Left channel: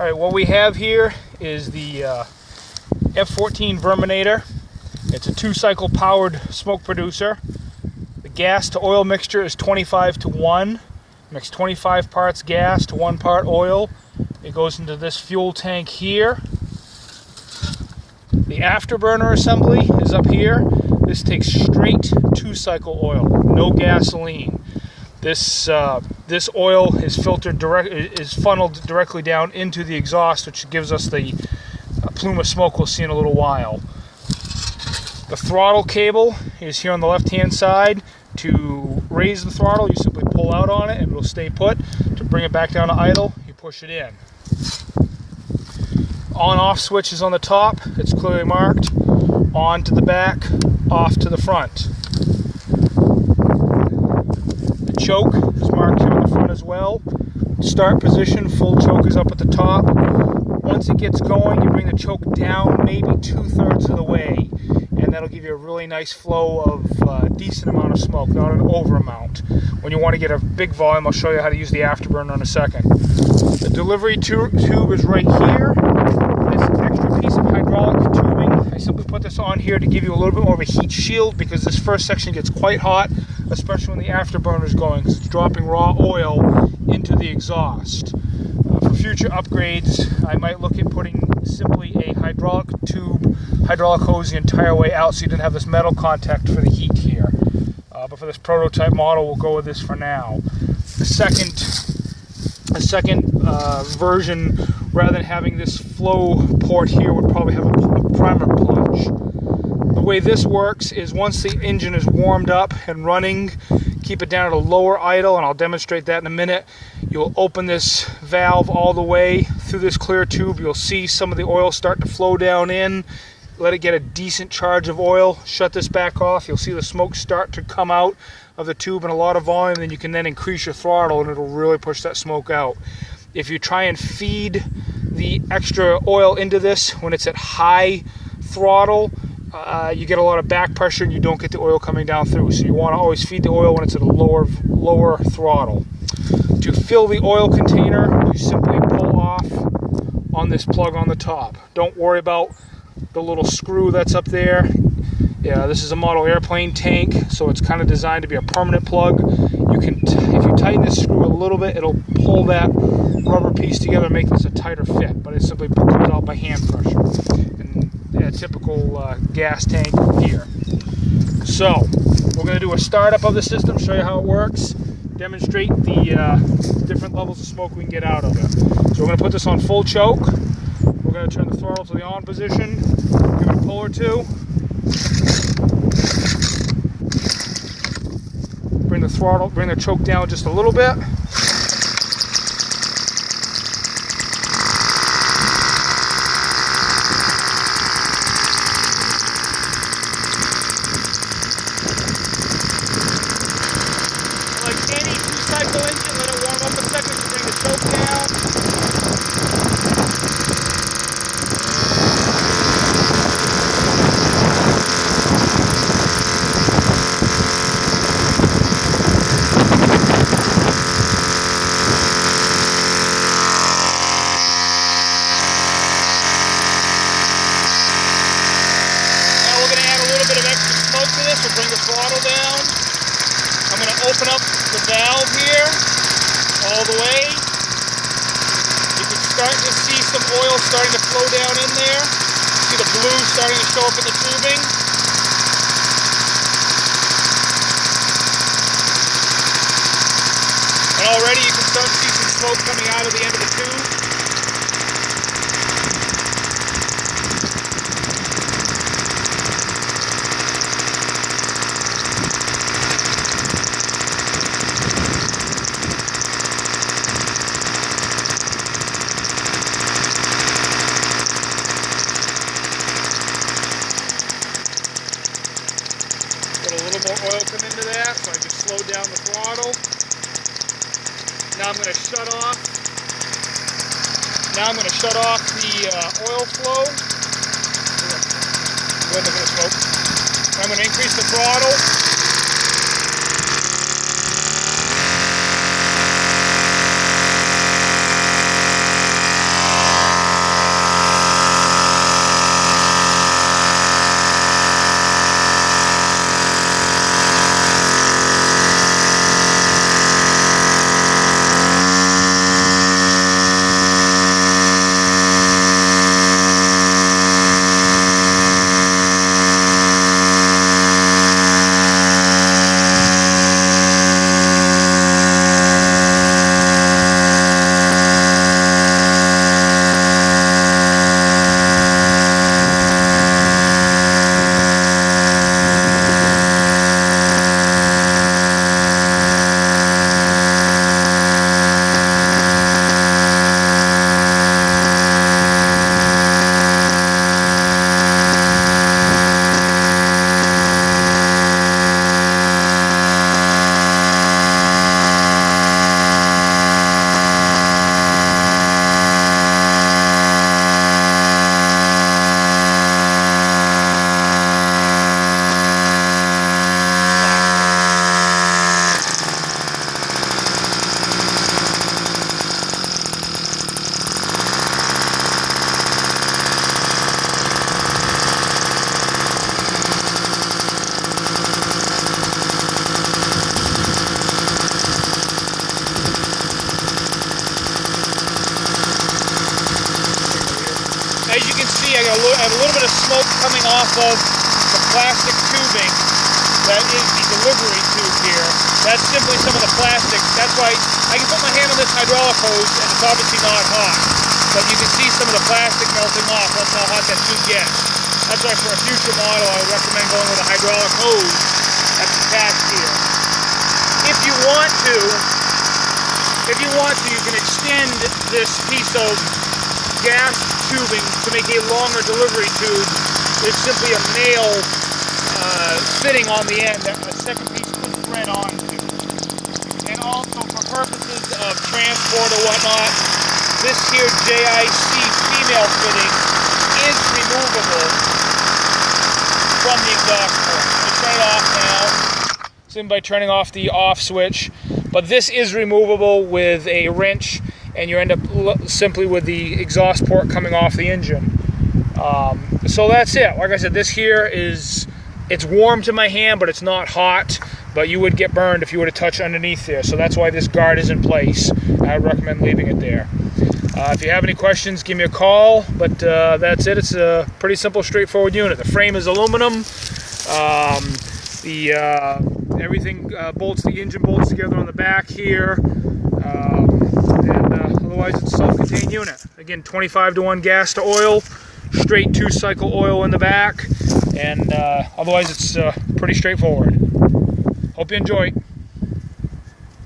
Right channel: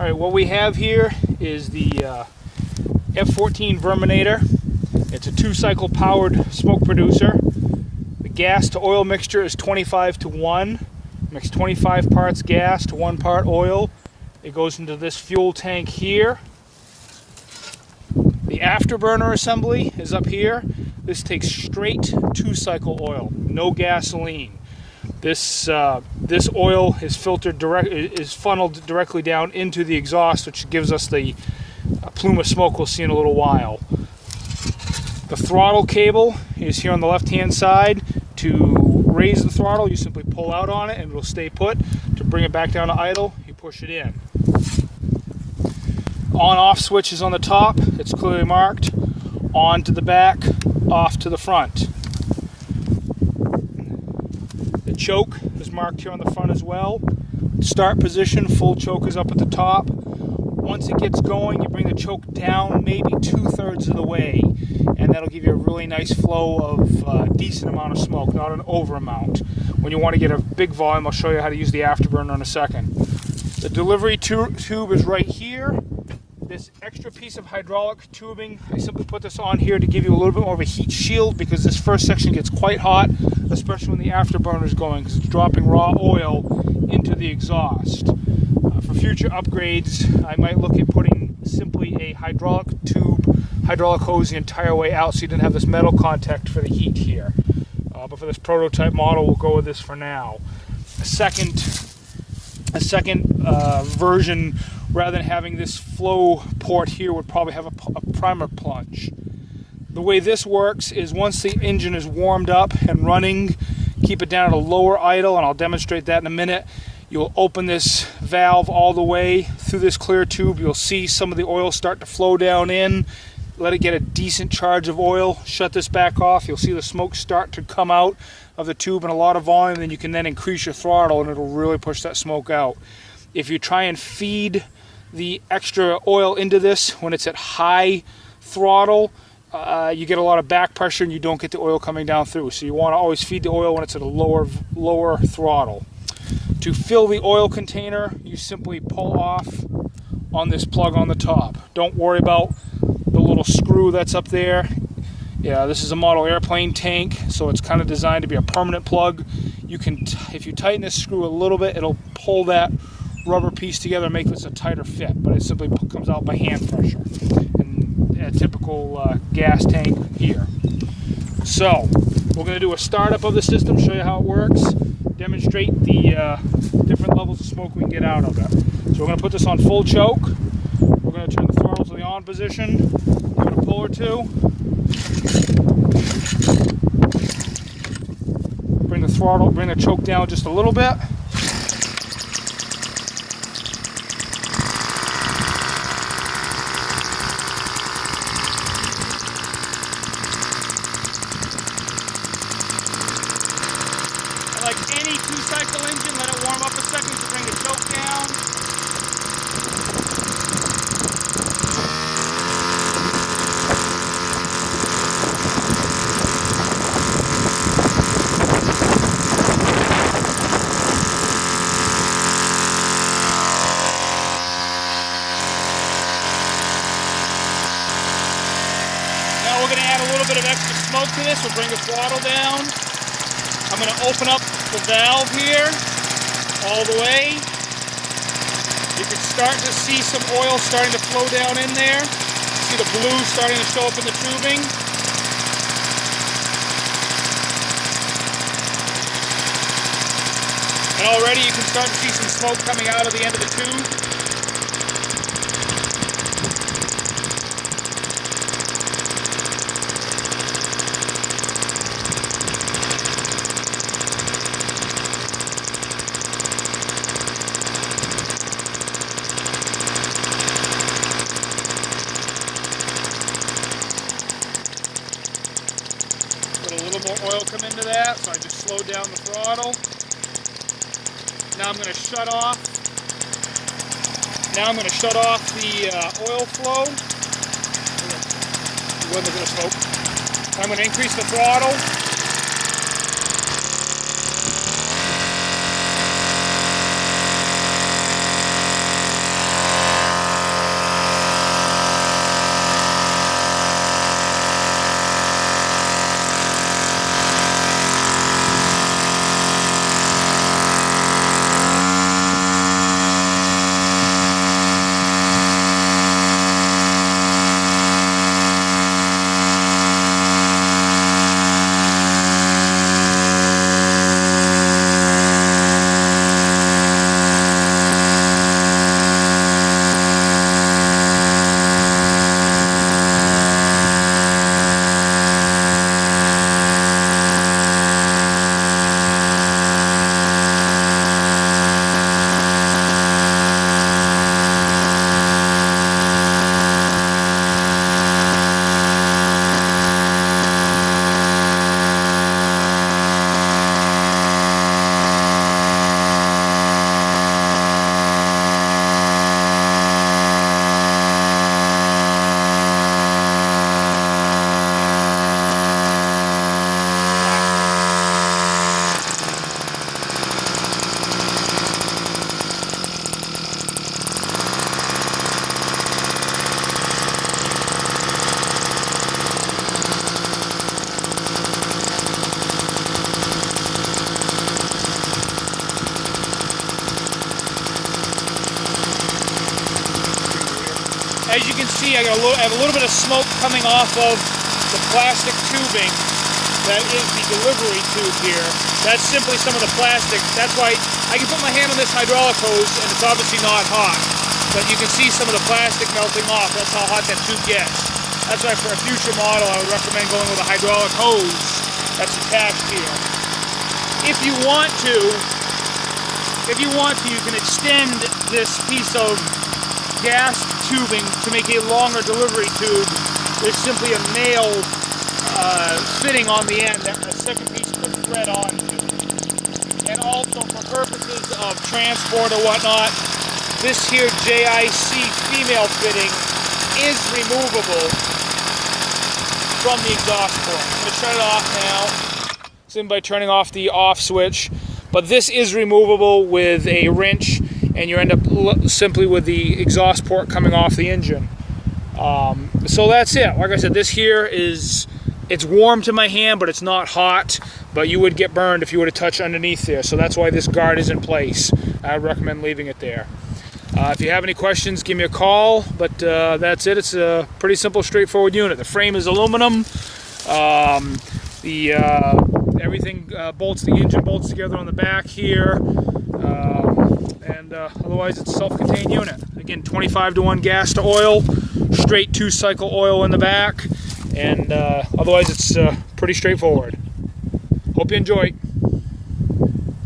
Alright, what we have here is the F-14 Verminator. It's a 2-cycle powered smoke producer. The gas to oil mixture is 25:1. Mix 25 parts gas to 1 part oil. It goes into this fuel tank here. The afterburner assembly is up here. This takes straight 2-cycle oil, no gasoline. This oil is funneled directly down into the exhaust, which gives us the plume of smoke we'll see in a little while. The throttle cable is here on the left-hand side. To raise the throttle, you simply pull out on it and it will stay put. To bring it back down to idle, you push it in. On-off switch is on the top. It's clearly marked. On to the back, off to the front. The choke is marked here in the front as well. Start position, full choke is up at the top. Once it gets going, you bring the choke down maybe 2/3 of the way, and that'll give you a really nice flow of decent amount of smoke, not an over amount. When you want to get a big volume, I'll show you how to use the afterburner in a second. The delivery tube is right here. It's an extra piece of hydraulic tubing. I simply put this on here to give you a little bit more of a heat shield, because this first section gets quite hot, especially when the afterburner is going, because it's dropping raw oil into the exhaust. For future upgrades, I might look at putting simply a hydraulic hose the entire way out, so you didn't have this metal contact for the heat here. But for this prototype model, we'll go with this for now. A second version, rather than having this flow port here, would probably have a primer plunge. The way this works is once the engine is warmed up and running, keep it down at a lower idle, and I'll demonstrate that in a minute. You'll open this valve all the way through this clear tube. You'll see some of the oil start to flow down in. Let it get a decent charge of oil. Shut this back off. You'll see the smoke start to come out of the tube in a lot of volume. Then you can then increase your throttle and it'll really push that smoke out. If you try and feed the extra oil into this when it's at high throttle, you get a lot of back pressure and you don't get the oil coming down through. So you want to always feed the oil when it's at a lower throttle. To fill the oil container, you simply pull off on this plug on the top. Don't worry about the little screw that's up there. Yeah, this is a model airplane tank, so it's kind of designed to be a permanent plug. You can, if you tighten this screw a little bit, it'll pull that rubber piece together and make this a tighter fit, but it simply comes out by hand pressure. And a typical gas tank here. So, we're going to do a startup of the system, show you how it works, demonstrate the different levels of smoke we can get out of it. So we're going to put this on full choke. We're going to turn the throttle to the on position, give it a pull or two. Bring the choke down just a little bit. Like any 2-cycle engine, let it warm up a second to bring the choke down. Now we're going to add a little bit of extra smoke to this to bring the throttle down. I'm going to open up the valve here all the way. You can start to see some oil starting to flow down in there. See the blue starting to show up in the tubing. And already you can start to see some smoke coming out of the end of the tube. A little more oil come into that, so I just slow down the throttle. Now I'm going to shut off. Now I'm going to shut off the oil flow. I'm going to increase the throttle. as you can see, I have a little bit of smoke coming off of the plastic tubing that is the delivery tube here. That's simply some of the plastic. That's why I can put my hand on this hydraulic hose and it's obviously not hot. But you can see some of the plastic melting off. That's how hot that tube gets. That's why for a future model I would recommend going with a hydraulic hose that's attached here. If you want to, you can extend this piece of gas tubing to make a longer delivery tube with simply a nail fitting on the end that a second piece could thread onto. And also for purposes of transport or whatnot, this here JIC female fitting is removable from the exhaust port. I'm going to turn it off now, simply by turning off the off switch. But this is removable with a wrench, and you end up simply with the exhaust port coming off the engine. So that's it. Like I said, this here it's warm to my hand, but it's not hot. But you would get burned if you were to touch underneath there. So that's why this guard is in place. I recommend leaving it there. If you have any questions, give me a call. But that's it. It's a pretty simple, straightforward unit. The frame is aluminum. Everything the engine bolts together on the back here. Otherwise, it's a self-contained unit. Again, 25-to-1 gas to oil, straight 2-cycle oil in the back, and otherwise it's pretty straightforward. Hope you enjoy.